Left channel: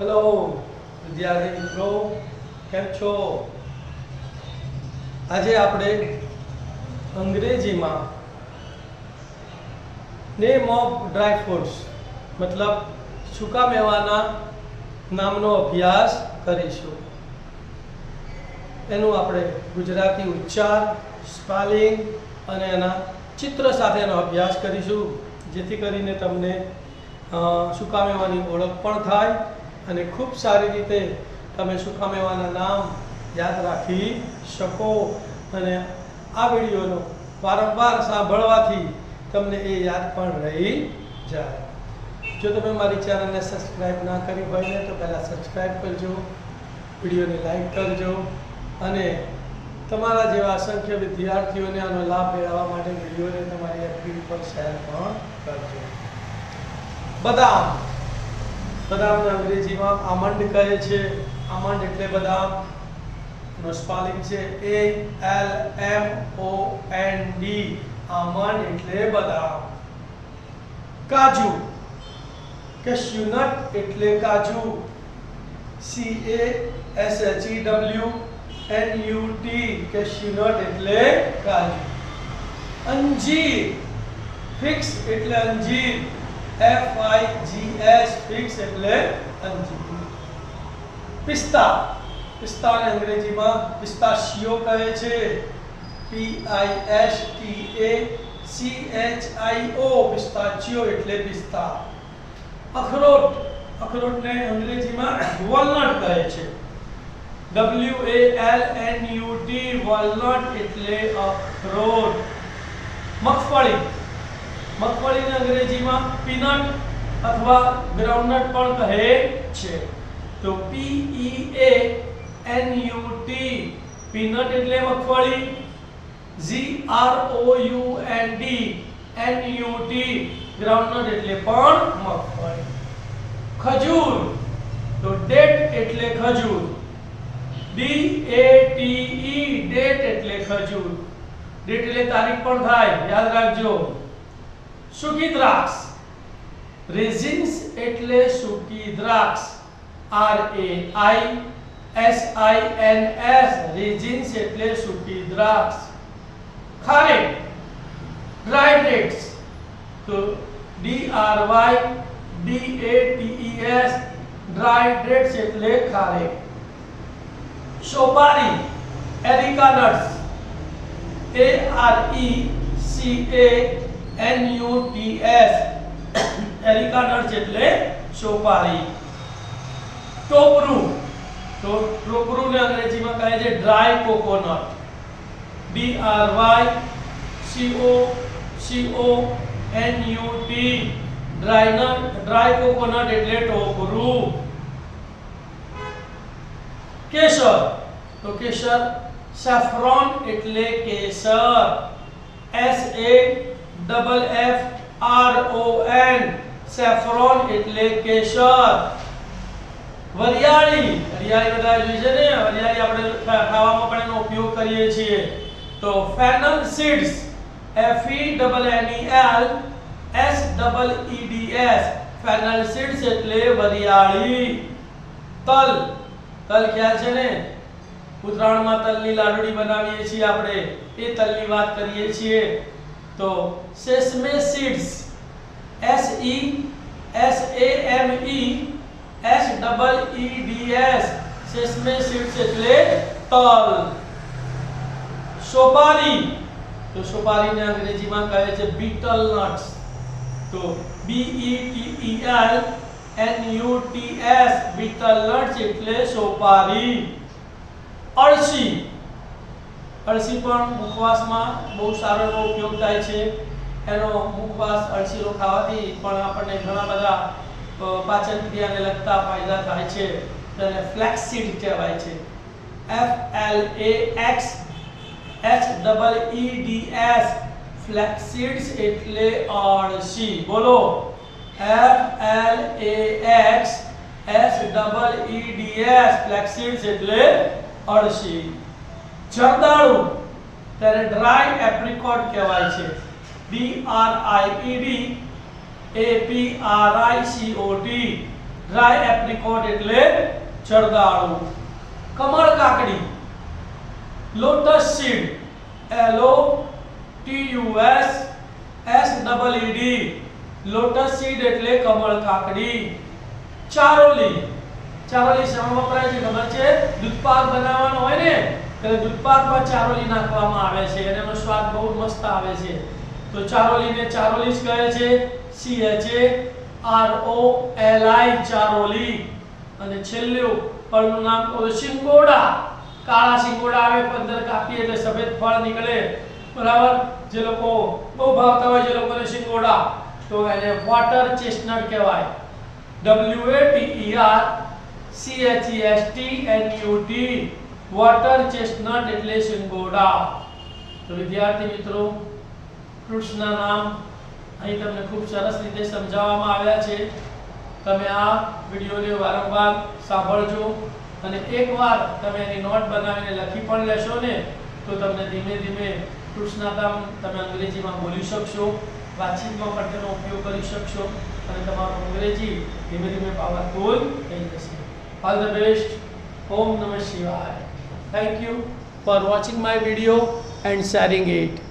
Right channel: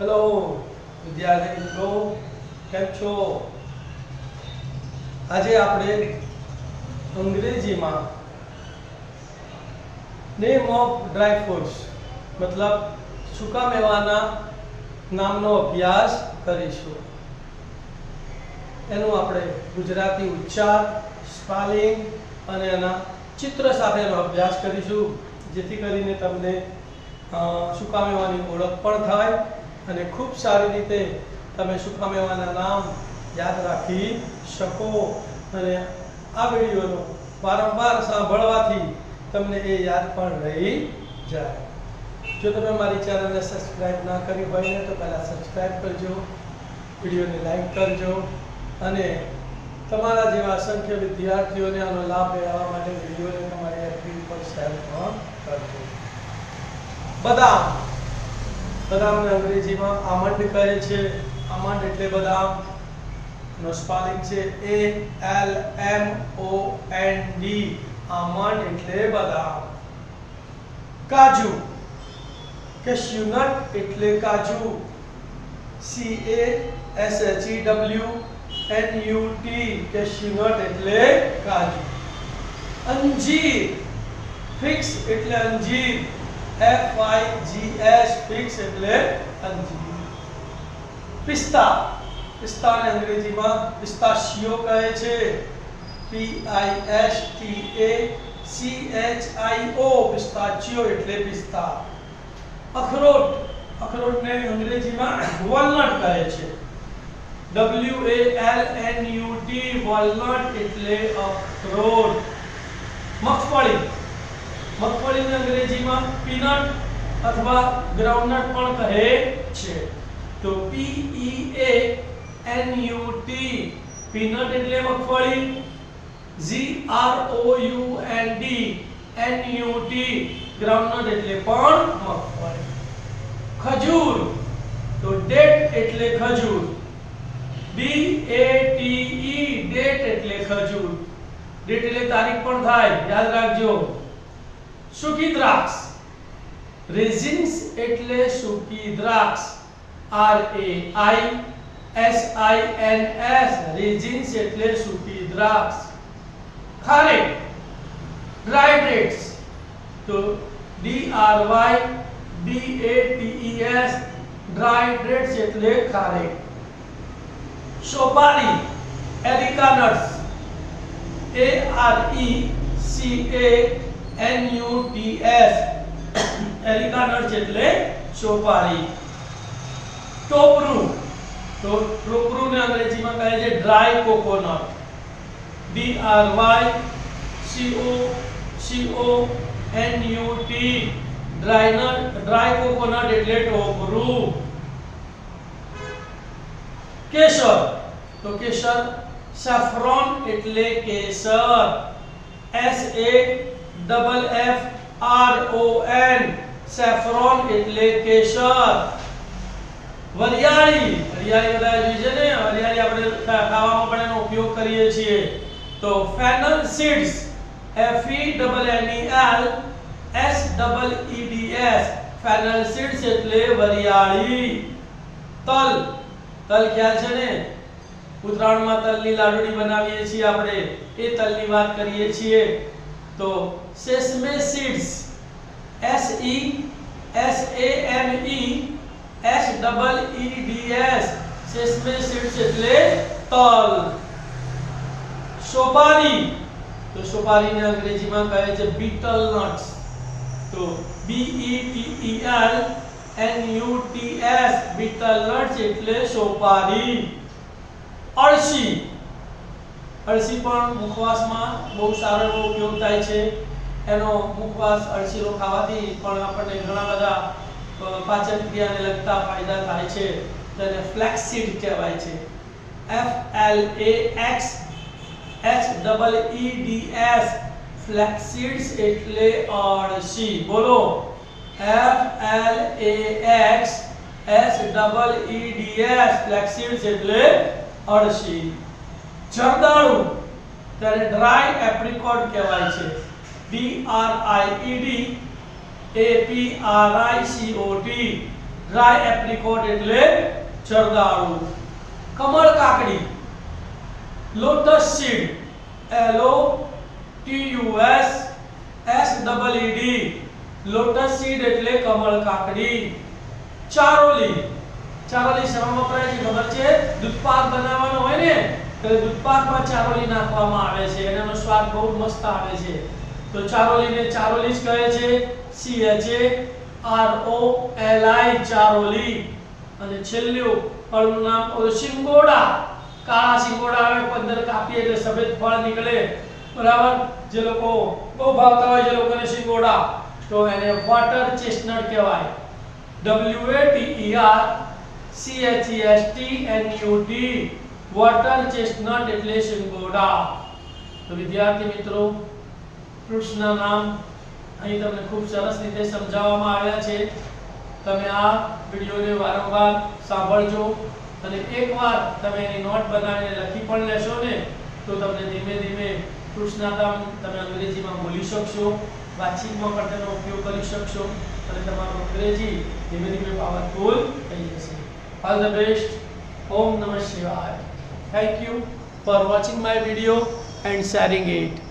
Hello વિદ્યાર્થી મિત્રો, કેમ છો? આજે આપણે અંગ્રેજીમાં નેમ ઓફ ડ્રાય ફ્રૂટ્સ મતલબ સૂકા મેવાના નામનો અભ્યાસ કરીશું. એનું આપણે ગુજરાતી ઉચ્ચાર, સ્પેલિંગ અને એના ચિત્ર સાથેનો અભ્યાસ કરીશું, જેથી કરીને તમને સૂકા મેવાની ઓળખ પણ થાય અને ખૂબ સારી રીતે તમે સૂકા મેવાના નામ યાદ રાખી શકો. અને આ વિડીયોનો વારંવાર સાંભળવાથી તમને એ યાદ પણ રહી જાય. જો તમે મારી ચેનલને સબસ્ક્રાઇબ ના કરી હોય ને તો પહેલાં સબસ્ક્રાઇબ કરજો, વિડીયોને લાઈક કરજો અને તમારા જેવા અસંખ્ય વિદ્યાર્થીઓને આનો લાભ મેળવવા માટે વિડીયોને તમારી એફબી પર શેર પણ કરજો. બદામ, બદામને અંગ્રેજીમાં આમંડ કહે છે. આમંડ એટલે બદામ. એનો સ્પેલિંગ છે ALMOND. આમંડ એટલે બદામ. કાજુ, કેશ્યુનટ એટલે કાજુ. CASHEWNUT, કેશ્યુનટ એટલે કાજુ. અંજીર, ફિક્સ એટલે અંજીર. FIGS, ફિક્સ એટલે અંજીર. પિસ્તા, પિસ્તાને અંગ્રેજીમાં પિસ્તાશિયો કહે છે. PISTACHIO, પિસ્તાચિયો એટલે પિસ્તા. અખરોટ, અખરોટને અંગ્રેજીમાં વોલનટ કહે છે. WALNUT, વોલનટ એટલે અખરોટ. મગફળી, મગફળીને અંગ્રેજીમાં પીનટ અથવા ગ્રાઉન્ડનટ પણ કહે છે. તો PEANUT, પીનટ એટલે મગફળી. GROUND, NUT, ગ્રાઉન્ડનટ એટલે પણ મગફળી. ખજૂર, તો ડેટ એટલે ખજૂર. DATE, ડેટ એટલે ખજૂર. ડેટ એટલે તારીખ પણ થાય, યાદ રાખજો. સૂકી દ્રાક્ષ, રેઝિન્સ એટલે સૂકી દ્રાક્ષ. RAISINS, રેઝિન્સ એટલે સૂકી દ્રાક્ષ. ખારેક, ડ્રાય ડેટ્સ, તો DRYDATES, ડ્રાય ડેટ્સ એટલે ખારેક. સોપારી, areca nuts, ARECANUTS, areca nuts એટલે સોપારી. ટોપરું, તો ટોપરુંને અંગ્રેજીમાં કહે છે dry coconut. DRYCOCONUT, dry coconut એટલે ટોપરું. કેસર, તો કેસર સેફ્રોન એટલે કેસર. SAFFRON, સેફ્રોન એટલે કેસર. વરિયાળી, વરિયાળી બધા જોઈ છે ને, વરિયાળી આપણે ખાવામાં પણ એનો ઉપયોગ કરીએ છીએ. તો ફેનલ સીડ્સ, FENNEL ફેનલ સીડ્સ એટલે વરિયાળી. તલ, તલ ખ્યાલ છે ને, ઉત્તરાયણમાં તલની લાડુડી બનાવીએ છીએ આપણે, એ તલની વાત કરીએ છીએ. તો સેસમે સીડ્સ, SESAMESEEDS, સેસમે સીડ્સ એટલે તલ. સોપારી, તો સોપારીને અંગ્રેજીમાં કહે છે બીટલ નટ્સ. તો BETTLNUTS, બીટલ નટ્સ એટલે સોપારી. અળસી, અળસી પણ મુખવાસમાં બહુ સારો એવો ઉપયોગ થાય છે. એનો મુખવાસ અળસીનો ખાવાથી પણ આપણને ઘણા બધા પાચન ક્રિયાને લગતા ફાયદા થાય છે. તેને ફ્લેક્સીડ કહેવાય છે. FLAXSEEDS, ફ્લેક્સીડ્સ એટલે અળસી. બોલો, FLAXSEEDS, ફ્લેક્સીડ્સ એટલે અળસી. જરદાળુ, તેને ડ્રાય એપ્રિકોટ કહેવાય છે. DRIED APRICOT, ડ્રાય એપ્રિકોટ એટલે જરદાળુ. કમળ કાકડી, lotus seed, LOTUSSEED, lotus seed એટલે કમળ કાકડી. ચારોલી, ચારોલી શેમાં વપરાય છે ખબર છે? દૂધપાક બનાવવાનો હોય ને ત્યારે દૂધપાકમાં ચારોલી નાખવામાં આવે છે અને એનો સ્વાદ બહુ મસ્ત આવે છે. તો ચારોલીને ચારોલી જ કહે છે, CHAROLI, ચારોલી. અને છેલ્લું ફળનું નામ શિંગોડા. કાળા શિંગોડા આવે, 15 કાપીએ એટલે સફેદ ફળ નીકળે, બરાબર? જે લોકો બહુ ભાવતા હોય, જે લોકોને શિંગોડા, તો એને વોટર ચેસ્ટનટ કહેવાય. WATERCHESTNUT, વોટર ચેસ્ટનટ એટલે શિંગોડા. તો વિદ્યાર્થી મિત્રો, ફ્રૂટ્સના નામ અહીં તમને ખૂબ સરસ રીતે સમજાવવામાં આવ્યા છે. તમે આ વિડિયોને વારંવાર સાંભળજો અને એકવાર તમે એની નોટ બનાવીને લખી પણ લેશો ને તો તમને ધીમે ધીમે ફ્રૂટ્સના નામ તમે અંગ્રેજીમાં બોલી શકશો, વાતચીતમાં પણ તેનો ઉપયોગ કરી શકશો અને તમારું અંગ્રેજી ધીમે ધીમે પાવરફુલ થઈ જશે. All the best. ઓમ નમઃ શિવાય. Thank you for watching my video and sharing it.